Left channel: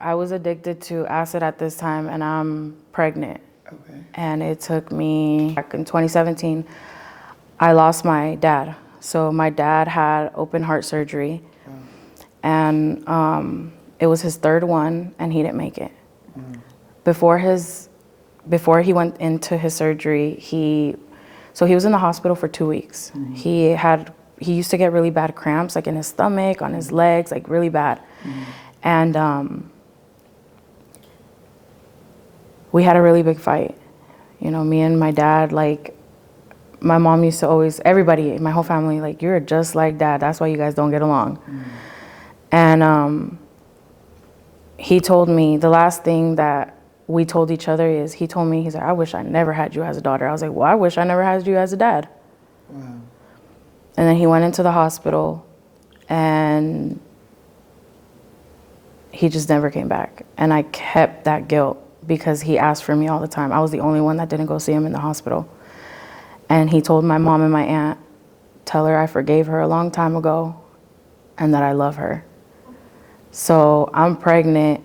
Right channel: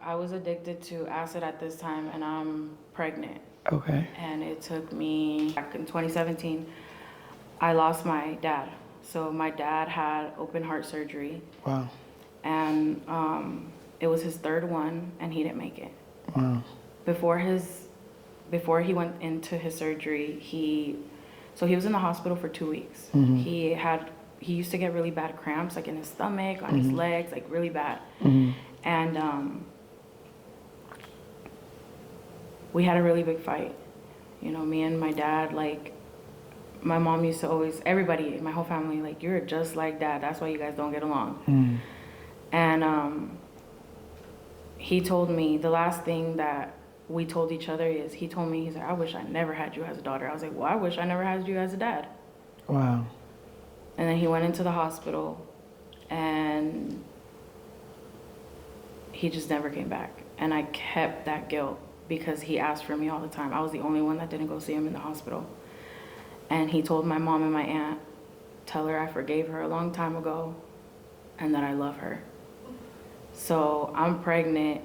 I was addicted to acid at this time, and I'm pregnant. Okay. And it took me, back in 2017, I lost my dad. So my dad had open heart surgery. Wow. And it was his third one, and he didn't make it. Wow. Before he went into his surgery, so he was in the hospital for 2 weeks. Mm-hmm. He used to get really bad cramps, like in his stomach, on his legs, like really bad. Mm-hmm. And we had a really big fight. You know, me and my dad, like, my mom used to always, everybody, my whole family, like, you're just like dad. That's why you guys don't get along. Mm. And he told me, the last thing that we told each other is, he's like, I wish I never had you as a daughter. I was like, well, I wish I never had you as a dad. Wow. And then he went into the hospital, and he just never came back. And I kept that guilt because he asked for me all the time. I was the only one that didn't go see him in the hospital. And he told my mom and my aunt, tell her I forgave her a long time ago and that I love her. So I'm pregnant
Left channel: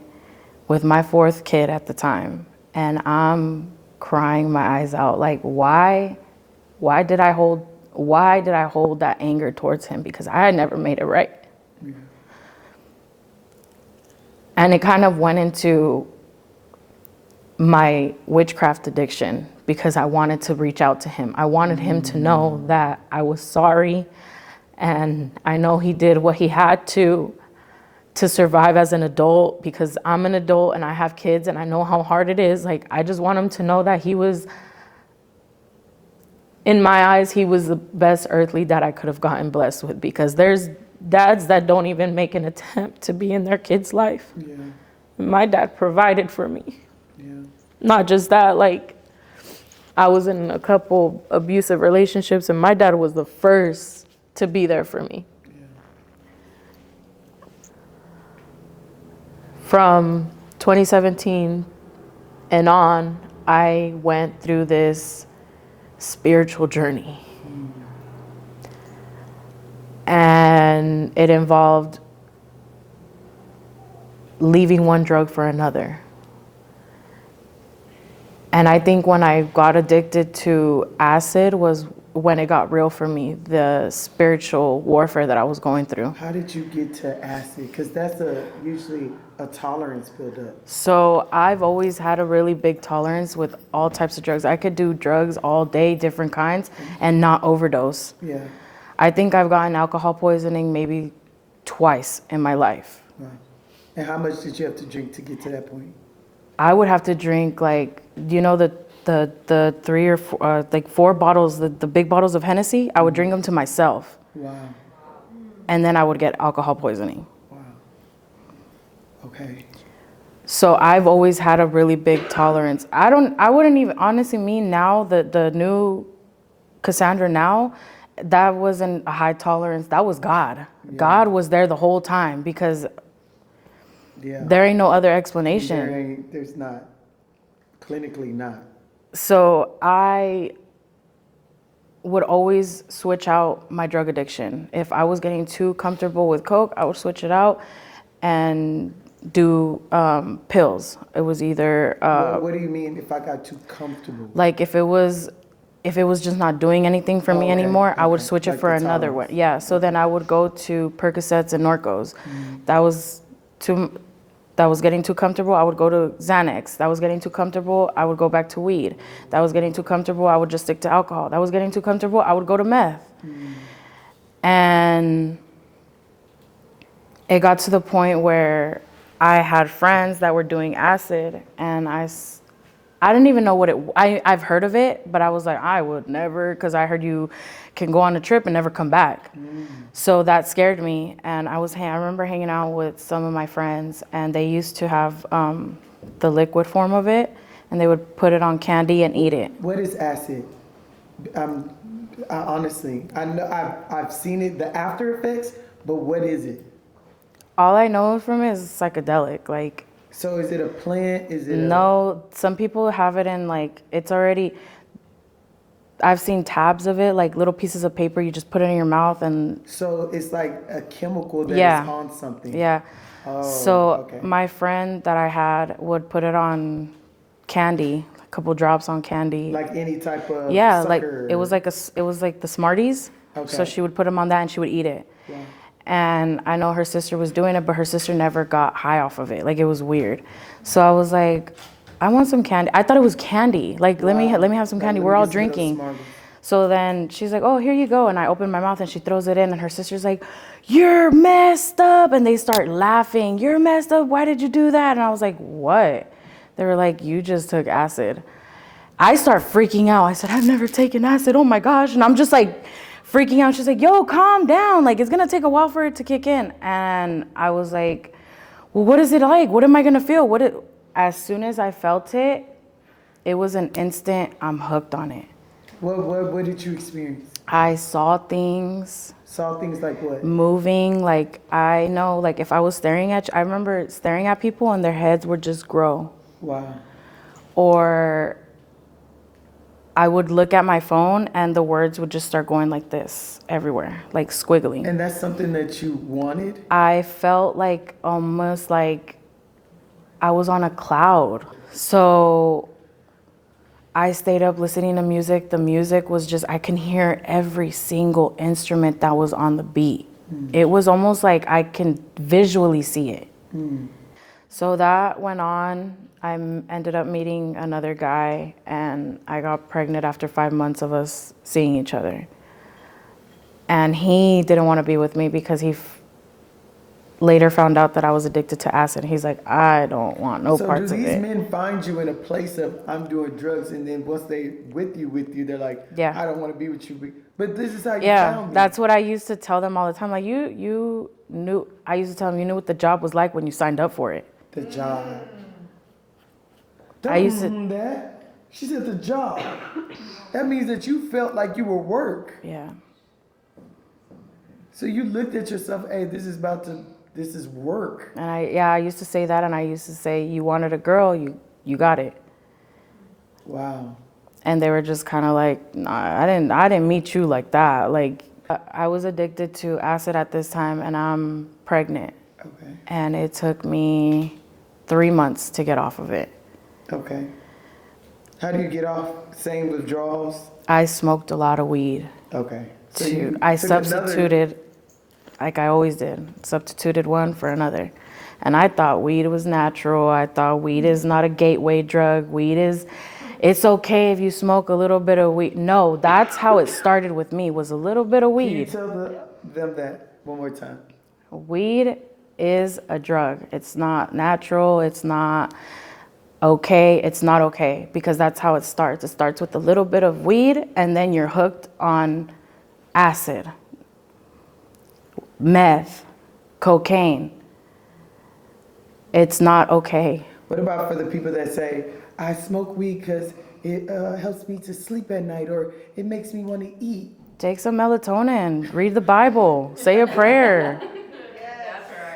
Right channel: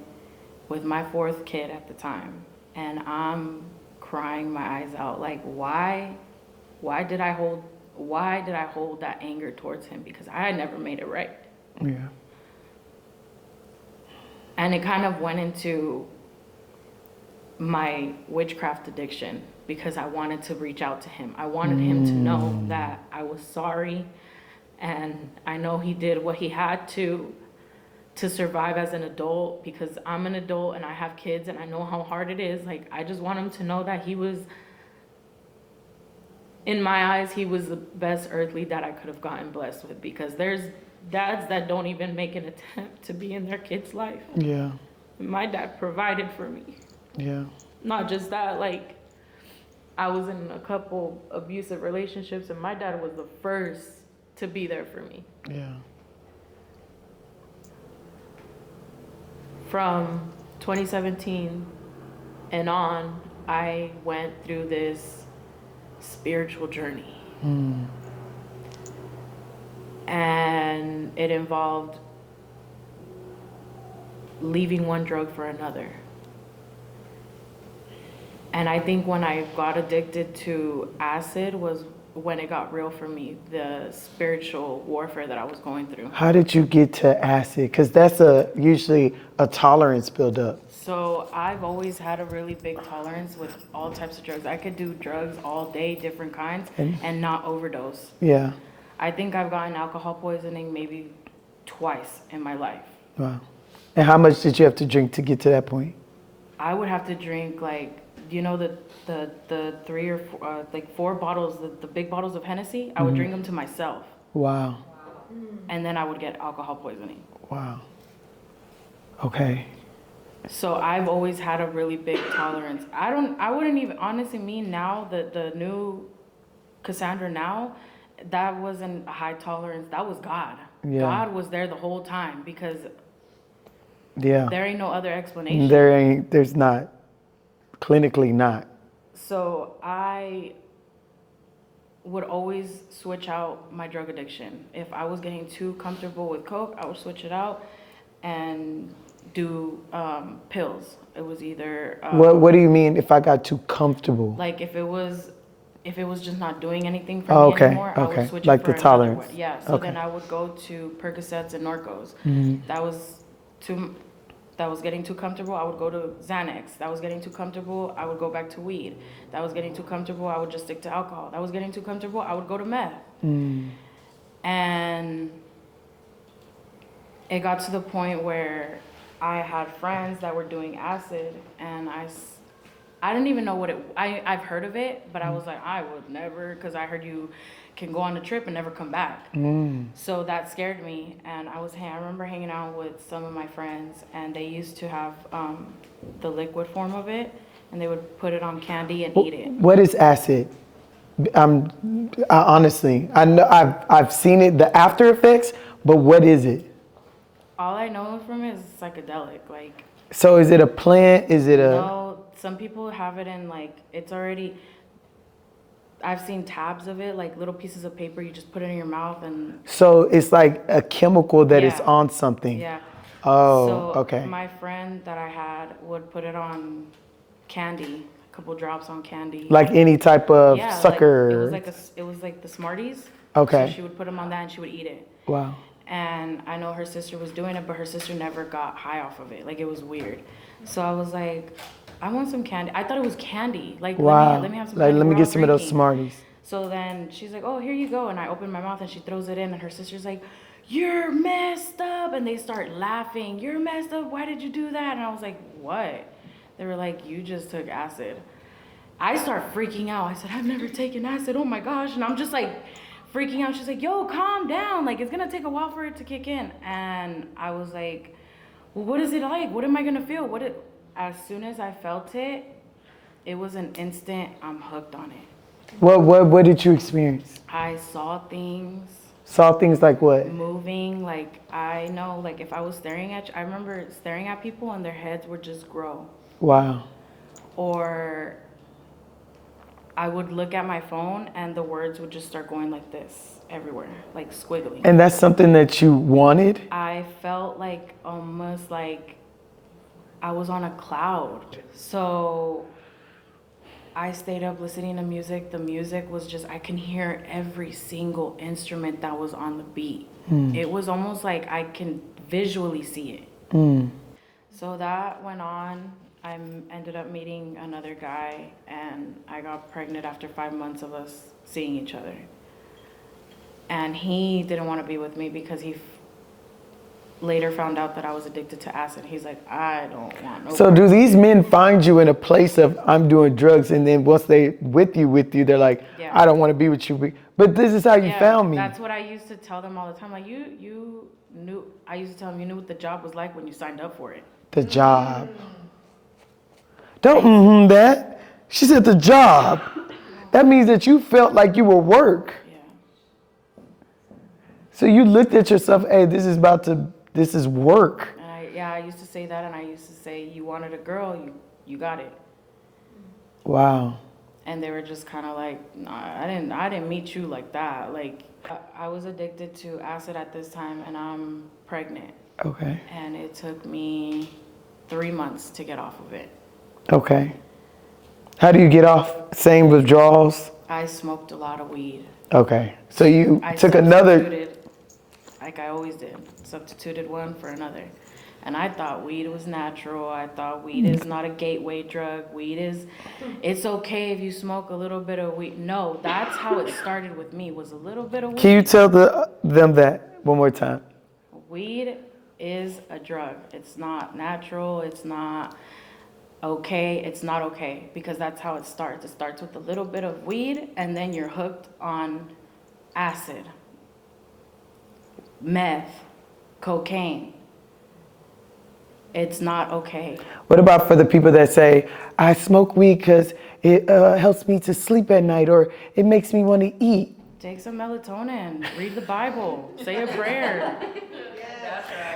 with my fourth kid at the time, and I'm crying my eyes out. Like, why did I hold that anger towards him? Because I had never made it right. Yeah. And it kind of went into my witchcraft addiction because I wanted to reach out to him. I wanted him to know that I was sorry, and I know he did what he had to survive as an adult, because I'm an adult and I have kids and I know how hard it is. Like, I just want him to know that he was, in my eyes, he was the best earthly dad I could have gotten blessed with, because there's dads that don't even make an attempt to be in their kid's life. Yeah. My dad provided for me. Yeah. Not just that, like, I was in a couple abusive relationships, and my dad was the first to be there for me. Yeah. From 2017 and on, I went through this spiritual journey. And it involved leaving one drug for another. And I think when I got addicted to acid was when it got real for me, the spiritual warfare that I was going through. How did you get to acid? Because that's usually a tolerance buildup. So I've always had a really big tolerance with all types of drugs. I could do drugs all day, different kinds, and not overdose. Yeah. I think I've gotten alcohol poisoning maybe twice in my life. Wow. And how much did you have to drink to get to that point? I would have to drink, like, you know, the 3 or 4, like 4 bottles, the big bottles of Hennessy. I would drink them to myself. Wow. And then I would get alcohol poisoning. Wow. Okay. So I've always had a really big tolerance. I wouldn't even, honestly, me now, the new Kassandra now, that wasn't a high tolerance. That was God. Yeah. God was there the whole time, because Yeah. there ain't no other explanation. There's not. Clinically not. So I would always switch out my drug addiction. If I was getting too comfortable with Coke, I would switch it out and do pills. It was either What do you mean if I got too comfortable? like if it was just not doing anything for me anymore, I would switch Like it for the another tolerance. one. Yeah. So then I would go to Percocets and Norcos. That was getting too comfortable, I would go to Xanax. That was getting too comfortable, I would go back to weed. That was getting too comfortable, I would just stick to alcohol. That was getting too comfortable, I would go to meth. And it got to the point where I had friends that were doing acid, and I didn't even know what I've heard of it, but I was like, I would never, because I heard you can go on a trip and never come back. So that scared me, and I remember hanging out with some of my friends, and they used to have the liquid form of it, and they would put it on candy and eat it. What is acid? Honestly, I know I've seen it, the after effects, but what is it? All I know from it is psychedelic, like. So is it a plant? Is it No, some people have it in, like, it's already, I've seen tabs of it, like little pieces of paper, you just put it in your mouth and. So it's like a chemical that is on something. Yeah. Oh, So okay. my friend that I had would put it on candy, a couple drops on candy. Like any type of Yeah, sucker. like it was like the Smarties. Okay. So she would put them on that and she would eat it. Wow. And I know her sister was doing it, but her sister never got high off of it. Like it was weird. So I was like, I want some candy. I thought it was candy. Like Wow. let me have some Like, candy. let me We're all get some of those drinking. Smarties. So then she's like, oh, here you go. And I open my mouth and she throws it in and her sister's like, you're messed up. And they start laughing. You're messed up. Why did you do that? And I was like, what? They were like, you just took acid. I start freaking out. I said, I've never taken acid. Oh my gosh. And I'm just like freaking out. She's like, yo, calm down. Like, it's going to take a while for it to kick in. And I was like, well, what is it like? What am I going to feel? As soon as I felt it, it was an instant, I'm hooked on it. What did you experience? I saw things. Saw things like what? Moving. Like, I know, like, if I was staring at you, I remember staring at people and their heads would just grow. Wow. Or I would look at my phone and the words would just start going like this everywhere, like squiggling. And that's something that you wanted? I felt like almost like I was on a cloud. So I stayed up listening to music. The music was just, I can hear every single instrument that was on the beat. It was almost like I can visually see it. So that went on. I ended up meeting another guy and I got pregnant after 5 months of us seeing each other. And he didn't want to be with me because he later found out that I was addicted to acid. He's like, I don't want no So parts do of these it. men find you in a place of I'm doing drugs, and then once they with you, they're like, Yeah. I don't want to be with you. But this is how you found me. That's what I used to tell them all the time. Like you knew, I used to tell them, you knew what the job was like when you signed up for it. The job. Don't that. She said the job. That means that you felt like you were work. Yeah. So you looked at yourself, hey, this is work. And I used to say that, and I used to say, you wanted a girl, you got it. Wow. And they were just kind of like, nah, I didn't meet you like that. Like, I was addicted to acid at this time, and I'm pregnant. Okay. And it took me 3 months to get off of it. Okay. How do you get off? Same withdrawals? I smoked a lot of weed. Okay. So you I took another. substituted, like I always did, substituted one for another. And I thought weed was natural. I thought weed is not a gateway drug. It's okay if you smoke a little bit of weed. No, that's how it started with me, was a little bit of weed. Can you tell them that one more time? Weed is a drug. It's not natural. It's not okay. It's not okay, because that's how it starts. It starts with a little bit of weed, and then you're hooked on acid, meth, cocaine. It's not okay. What about for the people that say, I smoke weed because it helps me to sleep at night, or it makes me want to eat? Take some melatonin, read the Bible, say a prayer.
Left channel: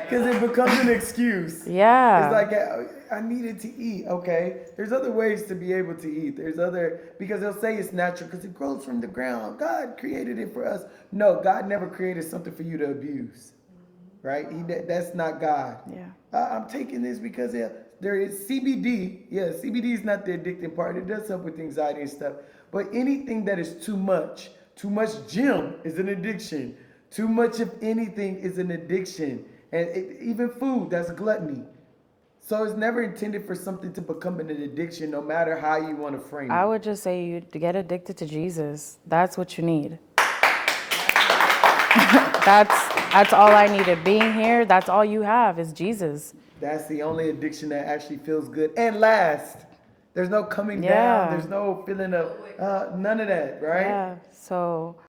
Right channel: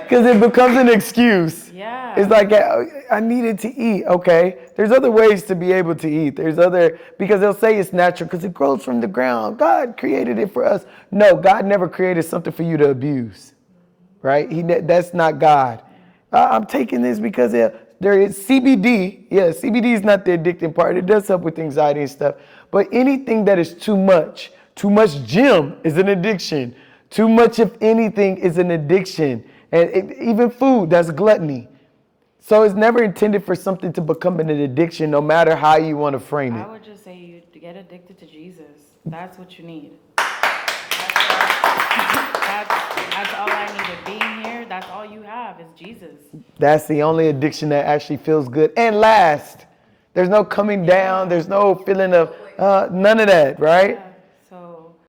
Because it becomes an excuse. Yeah. It's like, I needed to eat. Okay. There's other ways to be able to eat. Because they'll say it's natural because it grows from the ground. God created it for us. No, God never created something for you to abuse. Right? That's not God. Yeah. I'm taking this because there is CBD. Yeah, CBD is not the addicting part. It does help with anxiety and stuff. But anything that is too much gym is an addiction. Too much of anything is an addiction. And even food, that's gluttony. So it's never intended for something to become an addiction, no matter how you want to frame it. I would just say you to get addicted to Jesus. That's what you need. That's all I needed. Being here, that's all you have is Jesus. That's the only addiction that actually feels good and lasts. There's no coming down. There's no feeling of none of that, right? Yeah. So